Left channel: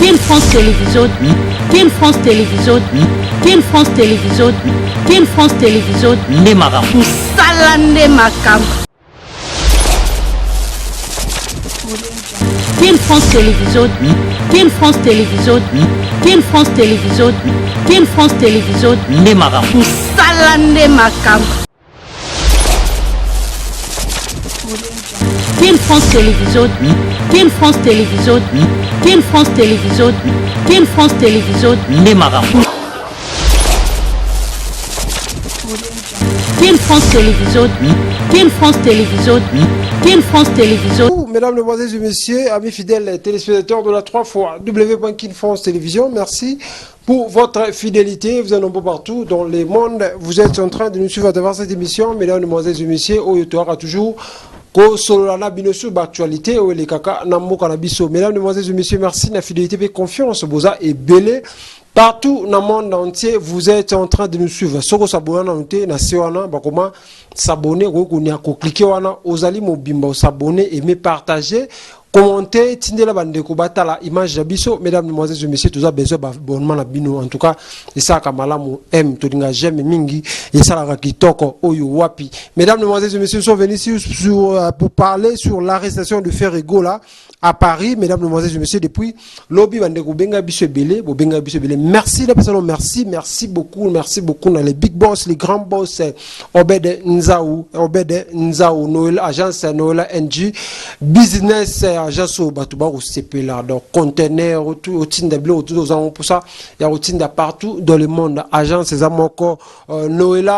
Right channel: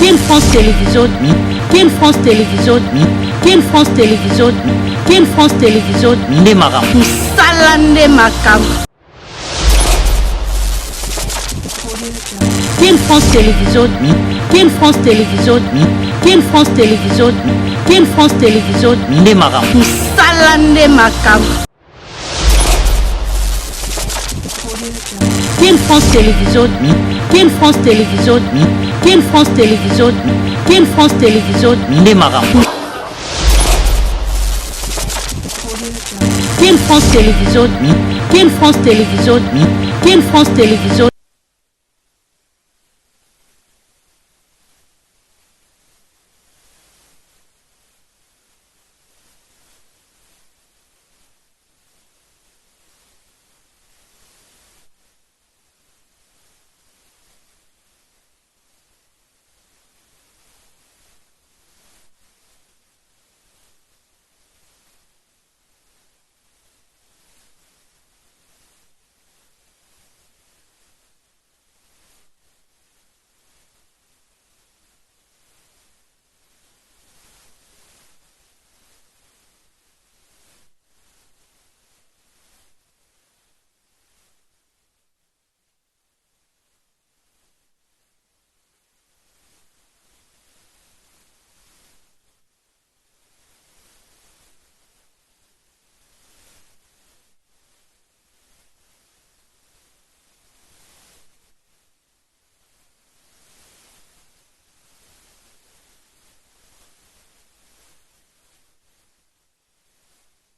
Team France Télévision, Team France Télévision, Team France Télévision, Team France Télévision, Nemara, Salande Makam. Team France Télévision, Team France Télévision, Team France Télévision, Team France Télévision, Nemara, Salande Makam. Team France Télévision, Team France Télévision, Team France Télévision, Team France Télévision, Nemara, Team France Télévision, Team France Télévision, Team France Télévision. Mesdames, Mesdemoiselles et Messieurs, amis fidèles téléspectateurs de la 3 fois W.Kin France Télévision, merci pour votre fidélité. Vous êtes nombreux partout dans le monde. Vous êtes en train de nous suivre à travers cette émission. Mesdames, Mesdemoiselles et Messieurs, Oyotoara toujours. Solana binosu actualité ou les kaka nambo kanabiso. Mesdames, Mesdemoiselles et Messieurs, merci de la fidélité et confiance. Boza et belé. Partout dans le monde entier, vous êtes en train de nous suivre. Soko sabona nante na sewana bakoma s'abonner ko cliquer wana ozali mobimba s'abonner, aimer, partager, commenter, tindela bandeko batala image d'abiso. Mesdames, Mesdemoiselles et Messieurs, tous a besoin d'abonnement na bino. En tout cas, et ça kamalamu aime to dinga j'aime mingi et ça la kitoko oyo wapi. Mesdames, Mesdemoiselles et Messieurs, sont venus pour parler sur l'arrestation de Ferrego là à Paris. Mesdames, Mesdemoiselles et Messieurs, depuis lobby bandeko benga biso belé, bo benga biso belé. Merci la personne, merci beaucoup dans les big boss, les grands boss, Obed Nzaou, Noël agence Noël NG business agence au Batouba au CP là, donc conteneur au tinda bleu autour aux ans pour ça, il y a au tinda partout dans le monde, agence Zamoko Noël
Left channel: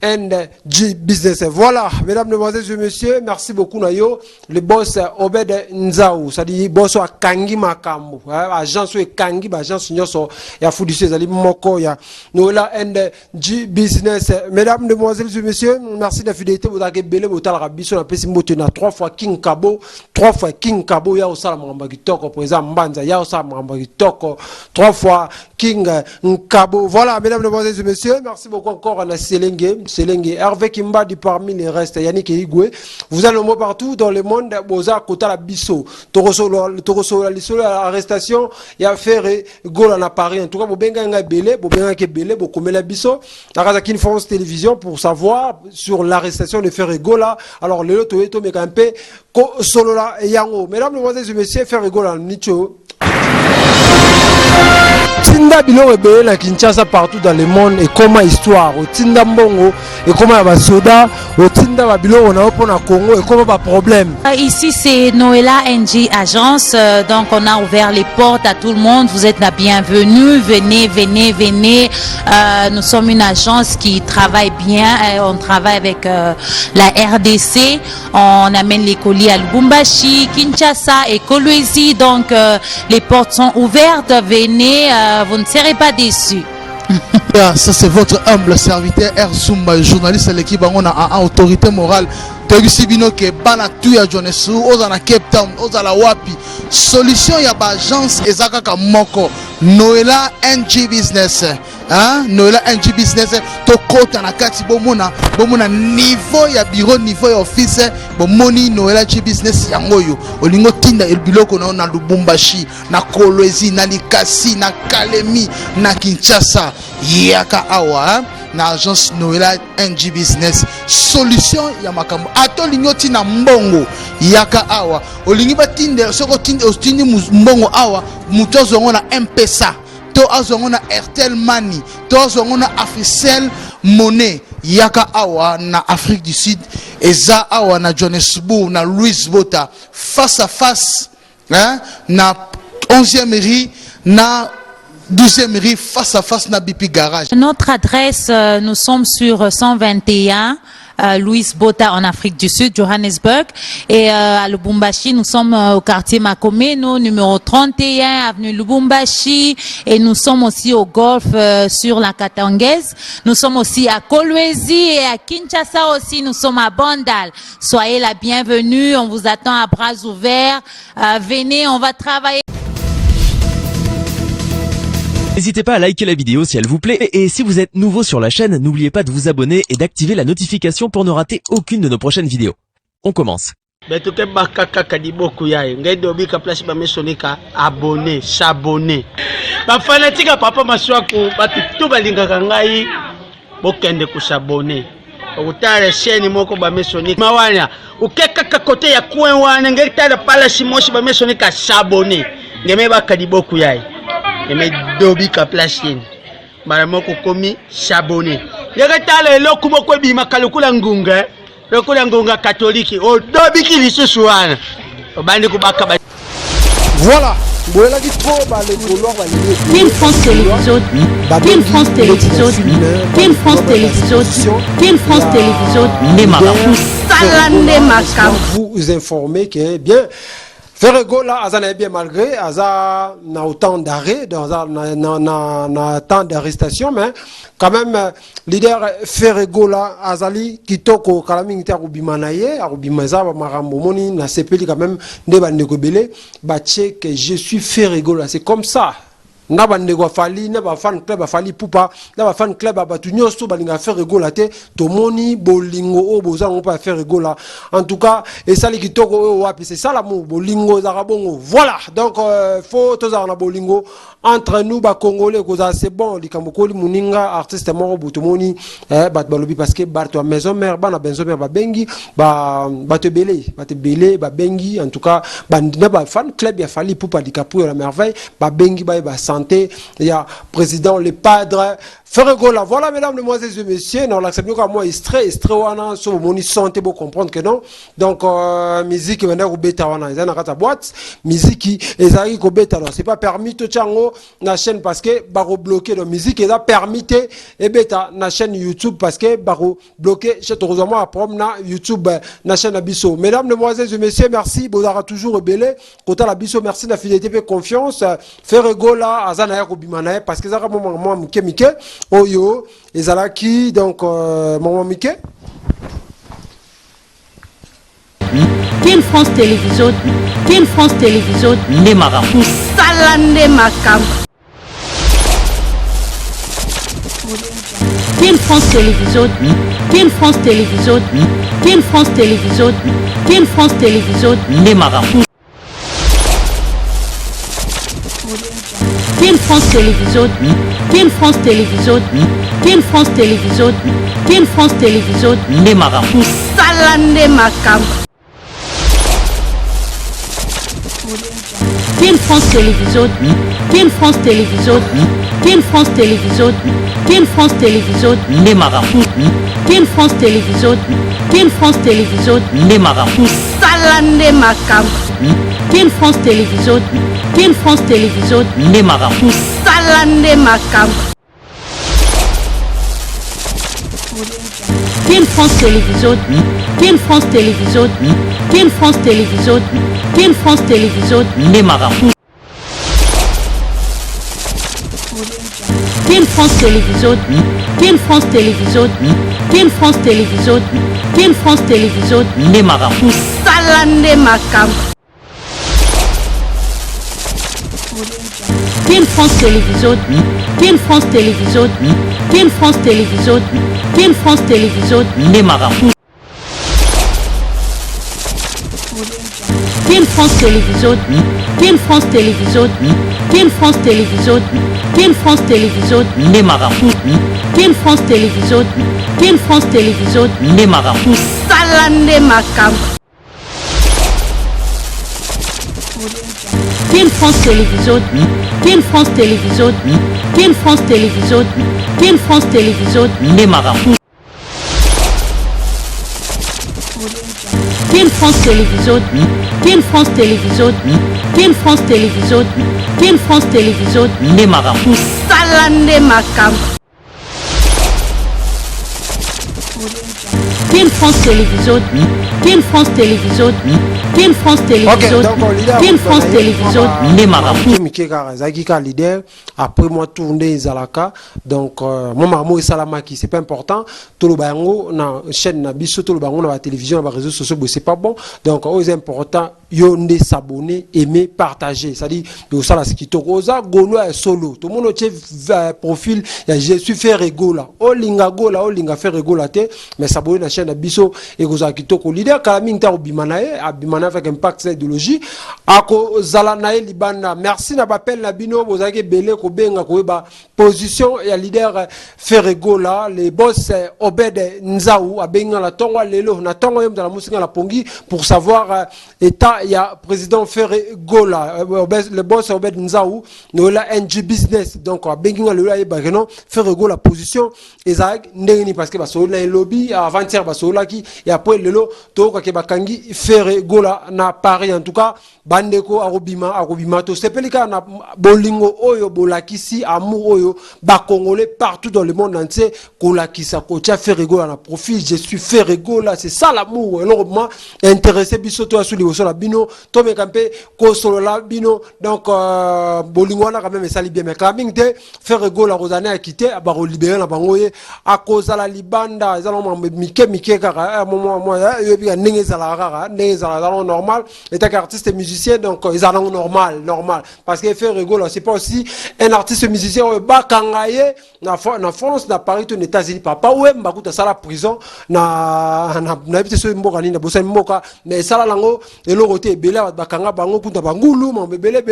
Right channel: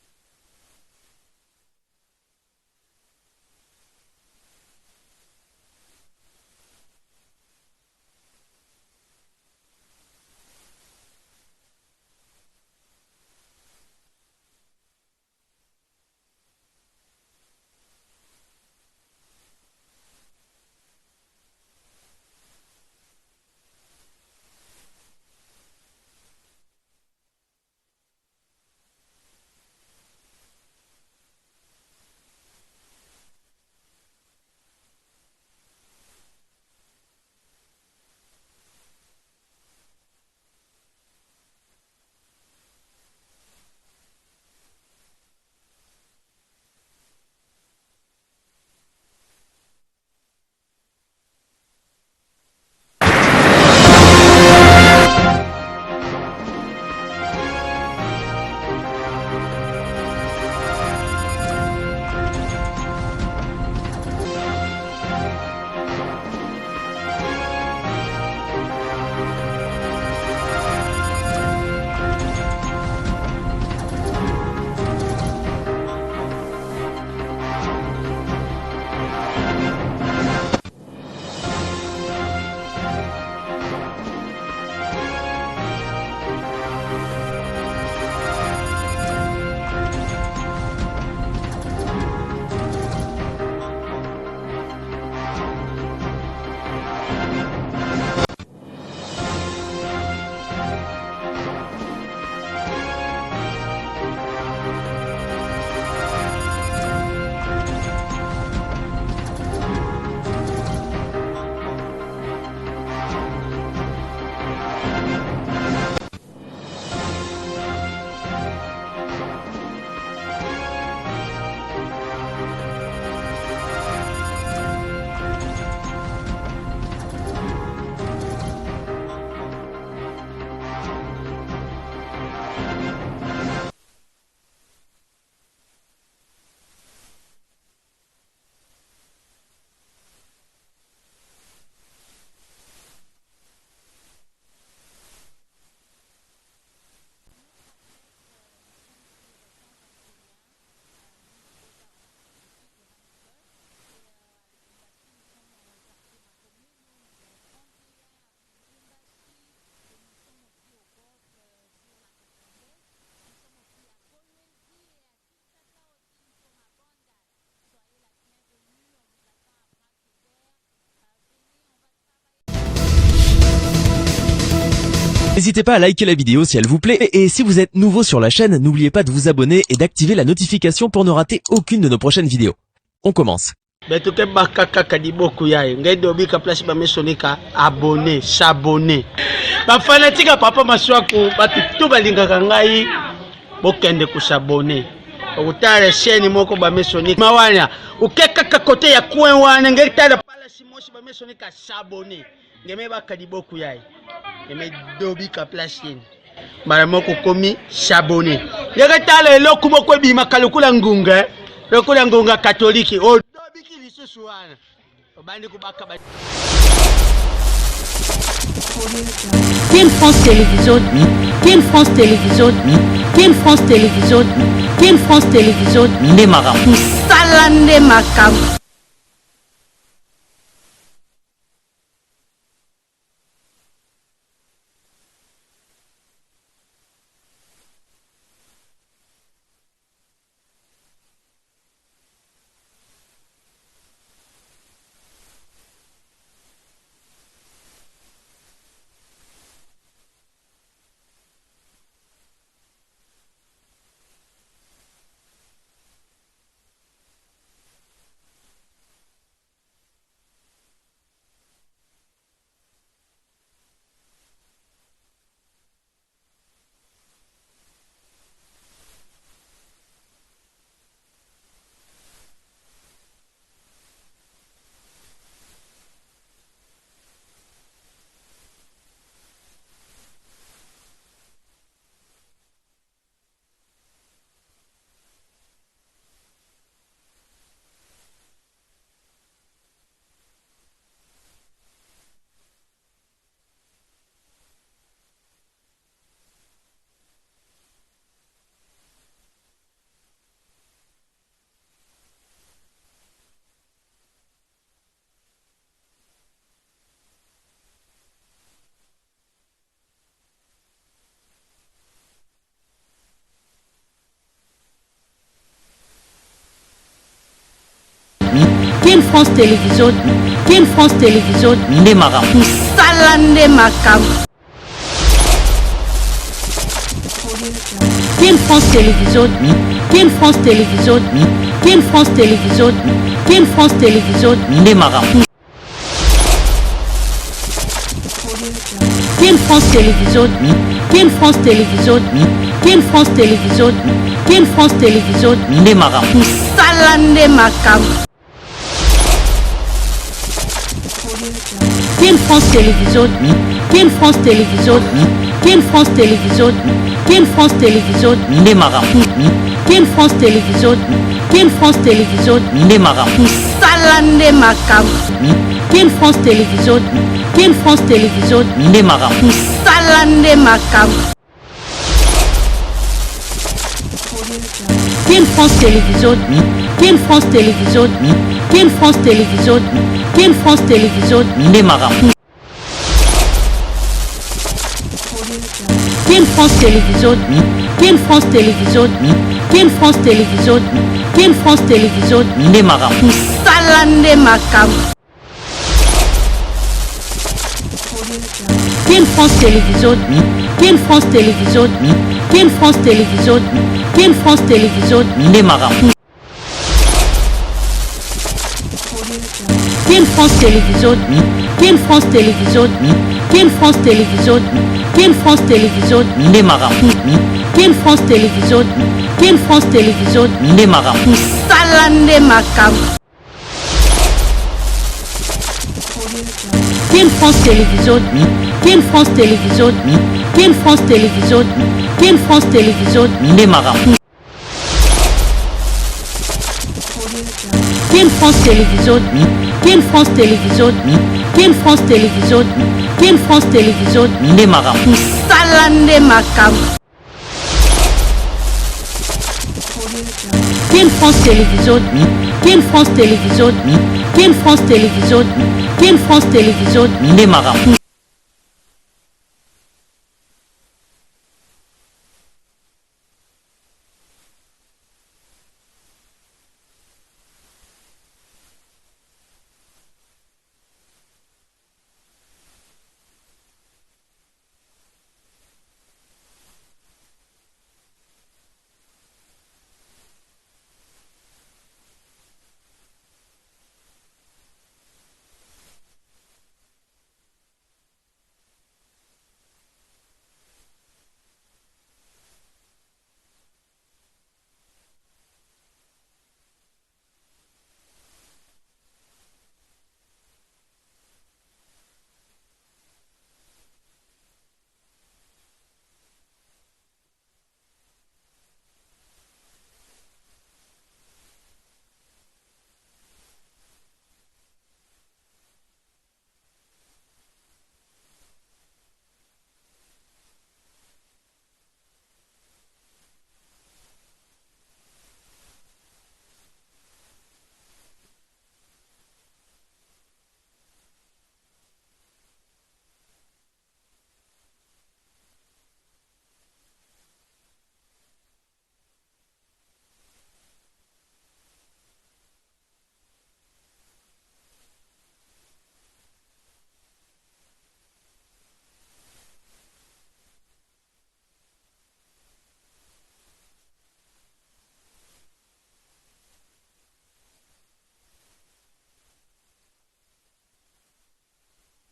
NG Business. Voilà, mesdames, mesdemoiselles et messieurs, merci beaucoup Nayo. Le boss Obed Nzaou, ça dit boss à Kangi Makambo, agence ou Kangi, agence Nyoso, ya Foudissé Zali Moko, ya Nola NG Business. Mesdames, mesdemoiselles et messieurs, merci de la fidélité. Vous avez belé, vous avez rabisso, on a payé Simbotina 3 fois King Kabo, ya Osala Mambagi Toko, président Mbanza, ya Osala Mambagi Toko, 3 fois King Kabo. Voilà, mesdames, mesdemoiselles et messieurs, merci beaucoup encore à la Selenge, Hervé Kimbadi parmi les restes, Yannick Igwe. Vous allez mot partout dans le monde, Boza, Kota la Bisso, Toroso, l'arrestation, il y a Ferré, Gola à Paris. En tout cas, vous benga belé, vous benga belé, vous commet la Bisso, la Razakin France Télévision pour savoir sur l'arrestation de Ferré Gola. Alors, le loto est tombé un peu, Solola et Yango. Mesdames, mesdemoiselles et messieurs, Ferré Gola, Nicho. Tinda biloko ebele na Kinshasa partout dans le monde et comment histoire otinda mbongo et comment ba soda otinda ba biloko na opo na Congo et comment ba problème. Ici c'est Noëlla NG Agence, donc on a ouvert les portes à tout le monde. Vous êtes la bienvenue, venez. Nous sommes une agence qui travaille bien, on travaille avec la RDC, on amène les colis à Lubumbashi, Kinshasa et Kolwezi, donc les portes sont ouvertes, venez, vous ne serez pas déçus. Ça c'est votre humble serviteur Erzumba, journaliste à l'équipe on a autorité morale. Tegisibino ke bana tu ya Jonesu, ozana Cape Town, ozala wapi. Solution ya ba agence ezaka ka moko. Noëlla NG Business. Noëlla NG Business to kota na kati bomona niveau ya bureau, niveau ya office bomoni Noëlla NG Business ya ngoyo olingo tinda elbiloko na Lubumbashi, na Kolwezi, na Likasi, na Kalemi, na Kinshasa yaka awa na agence Noëlla NG Business. Solution ya makambo ato lingoti na mbongo yaka awa olingi batinde soko tindi mbongo awa mutozo ngona M-Pesa to azongo na Airtel Money to azongo na Africell Money yaka awa na Afrique du Sud eza awa na Johannesburg na Louis Botha face à face na 11e rue na 12e rue face à face na BP Garage. Notre adresse, nous sommes sur 121 Louis Botha en Afrique du Sud, Johannesburg, et à Lubumbashi, nous sommes au quartier Makomeno, numéro 31, avenue Lubumbashi, et nous sommes aussi au golf sur la Katangaise. Nous sommes aussi à Kolwezi et à Kinshasa aussi, nous sommes à Bandal. Soyez la bienvenue, on vous attend à bras ouverts. Venez, on va travailler. N'hésitez pas à liker la vidéo si elle vous plaît et si vous êtes nouveau sur la chaîne, n'oubliez pas de vous abonner et d'activer la notification pour ne rater aucune de nos prochaines vidéos. On commence. beto ke bakaka kadiboku yaye ngedo bika place ba mesonika abonné s'abonner ba fanatique papa maswaku batu to balingaka ngai bokende ku s'abonner okutala chaîne moko ba mesonika mawana ukeka kote ya coin wana ngetala pala simoshi ba mesonika s'abonner ngeme ba kadiboku yaye ngeme dobika place ni mara moko komi s'abonner ngetala eloko moko bima kalukula ngunga lokula ngunga katoliki odobiki lisusu wana obandi kubaka Voilà. Ken France Télévision, Ken France Télévision, Ken France Télévision, Ken France Télévision, vous informer que bien Ferrego là, Azana est bien malgré, Aza n'a autant d'arrêt, n'a tant d'arrestation, mais quand même, leader Ferrego là, Azali, Kitoko, Kalamingita Rubimanaye, Rubimaza, Maramomoni, n'a sepeli quand même, Neba Negobele, Bache, que je suis Ferrego là, c'est comme ça. Naba nego fali naba fan club fali pupa naba fan club abatu nyoso balinga faire rigola te tomoni bolingo o bozango pa faire rigola en tout cas et ça li kitoko o wapi c'est ça l'amour bolingo za bongo voilà donc faut tozana na bolingo entre nous ba congolais koza c'est bon likambokoli muninga artiste moko botomoni bat balobi parce que barto maison mère bana benzo mère ba bengi ba te belé ba bengi en tout cas ba naba fan club ya fali pupa dikapu la merveille ba bengi ba santé, il y a président, le padre, Ferregola. Voilà, mesdames, mesdemoiselles et messieurs, non, l'acceptons comme moi, extrait, wana, sur mon santé, pour comprendre que non. Donc, musique, maintenant, au bêta, wana, ils ont une boîte, musique, ils arrivent au bêta, alors, c'est pas permis, tout chango, na chaîne, parce que, baro bloqué, la musique, ils ont permis, et bêta, na chaîne YouTube, parce que, baro bloqué, chez heureusement, après, na YouTube, na chaîne Abisso. Mesdames, mesdemoiselles et messieurs, merci, vous aurez toujours rebellé, côté l'Abisso, merci de la fidélité et confiance, Ferregola, Azana Rubimanaye, parce que ça va moi Mike Oyo Ezalaki donc maman Mike Ken France Télévision, Ken France Télévision, Nemara. Salande Makam. Ken France Télévision, Ken France Télévision, Ken France Télévision, Ken France Télévision, Nemara. Ken France Télévision, Ken France Télévision, Ken France Télévision, Ken France Télévision, Nemara. Salande Makam. Ken France Télévision, Ken France Télévision, Ken France Télévision, Ken France Télévision, Nemara. Ken France Télévision, Ken France Télévision, Nemara. Salande Makam. Ken France Télévision, Ken France Télévision, Nemara. Salande Makam. Ken France Télévision, Ken France Télévision, Ken France Télévision, Ken France Télévision, Nemara. Ken France Télévision, Ken France Télévision, Ken France Télévision, Ken France Télévision, Nemara. Salande Makam. Ken France Télévision, Ken France Télévision, Ken France Télévision, Ken France Télévision, Nemara. Ken France Télévision, Ken France Télévision, Ken France Télévision, Ken France Télévision, Nemara. Ken France Télévision, Ken France Télévision, Nemara. Salande Makam. Ken France Télévision, Ken France Télévision, Ken France Télévision, Ken France Télévision, Nemara. Ken France Télévision, Ken France Télévision, Ken France Télévision, Ken France Télévision, Nemara. Salande Makam. Ken France Télévision, Ken France Télévision, Ken France Télévision, Ken France Télévision, Nemara. leader après moi tourner Zalaka donc mon maman Salamaki c'est pas important tout le bango na chaîne na biso tout le bango na la télévision na réseaux sociaux c'est pas bon donc c'est important yo nde s'abonner, aimer, partager. C'est-à-dire, ça là, ce qui te oza, golo est solo. Tout le monde a profil, je suis fait rigola. O linga gola, o linga fait rigola te, mais s'abonner à la chaîne Biso et goza kitoko. Leader, Kalaming ta obimanae, abimana avec impact sa idéologie. Ako zalanae libana. Merci na bapel na bino, bozake bele ko benga ko ba position et leader fait rigola. Les boss Obed Nzaou, abenga la tonga lelo, na tonga yom dans la musique la pongi pour savoir état. Il y a président Ferre Gola, le boss Obed Nzaou, nous là NG Business, donc Benginga le là Bageno, Ferre Gola position, Isaac Ndeni parce que baso là lobby avant-hier baso là qui et après le lot to ka bakangi Ferre Gola na Paris en tout cas bandeko arobima to sepelika na bolingo oyo bolakisi amour oyo ba congolais partout dans le monde entier kolakisa ko tia Ferre Gola na profil je suis Ferre Gola c'est ça l'amour alors moi intéressé biso to asuli la bino to me campé ko solo la bino donc bolingo na quand même ça li bien mais Kalaming te Ferre Gola Rosane a quitté ba libérer na bangoye a cause la libanda ezalo mike kaka moment moi yo bi ndenge za la normal état artiste musicien donc ils ont normal parce que Ferre Gola c'est pas aussi un artiste musicien bakangaye na France na Paris aux États-Unis papa ouais mbakuta sala prison na bité so mboka ni na bosa mboka mais sala lango elo côté bela bakanga bango kuta bangulu mon bébé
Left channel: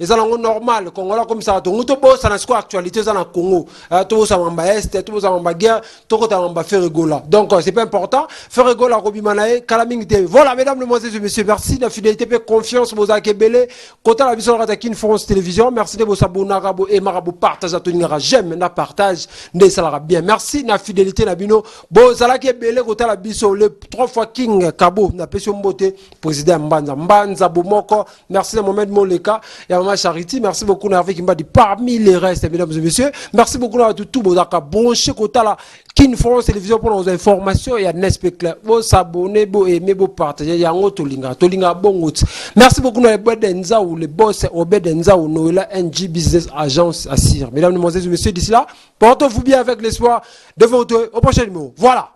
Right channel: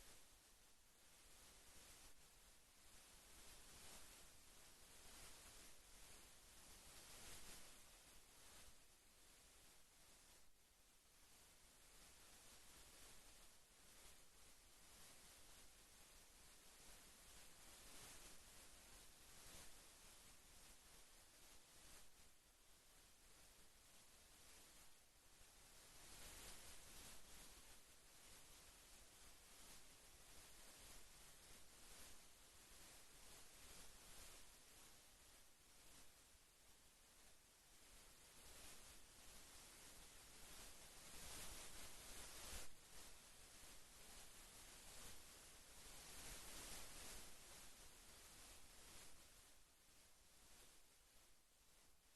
ils ont normal Congola comme ça to ngoto bo ça na quoi actualité ça na Congo to ça mamba est to ça mamba guerre to kota mamba Ferre Gola donc c'est pas important Ferre Gola Robimanae Kalaming TV voilà mesdames mesdemoiselles et messieurs merci la fidélité et confiance bozake belé kota la biso rata Kin France Télévision merci de vos abonnés bo et marabo partage à tenir j'aime na partage ne ça bien merci na fidélité na bino bozalake belé kota la biso le 3 fois King Kabo na pesio mbote président Mbanza Bomoko merci à Mohamed Moleka et à Maman Charity merci beaucoup na avec Mbadi parmi les restes mesdames et messieurs merci beaucoup à tout bozaka branché kota la Kin France Télévision pour nos informations et à Nespecler bo s'abonner bo aimer bo partager yango tolinga bongo merci beaucoup na Obed Nzaou le boss Obed Nzaou Noela NG Business Agence Assir mesdames, mesdemoiselles et messieurs d'ici là portez-vous bien avec l'espoir de vous retrouver au prochain numéro voilà.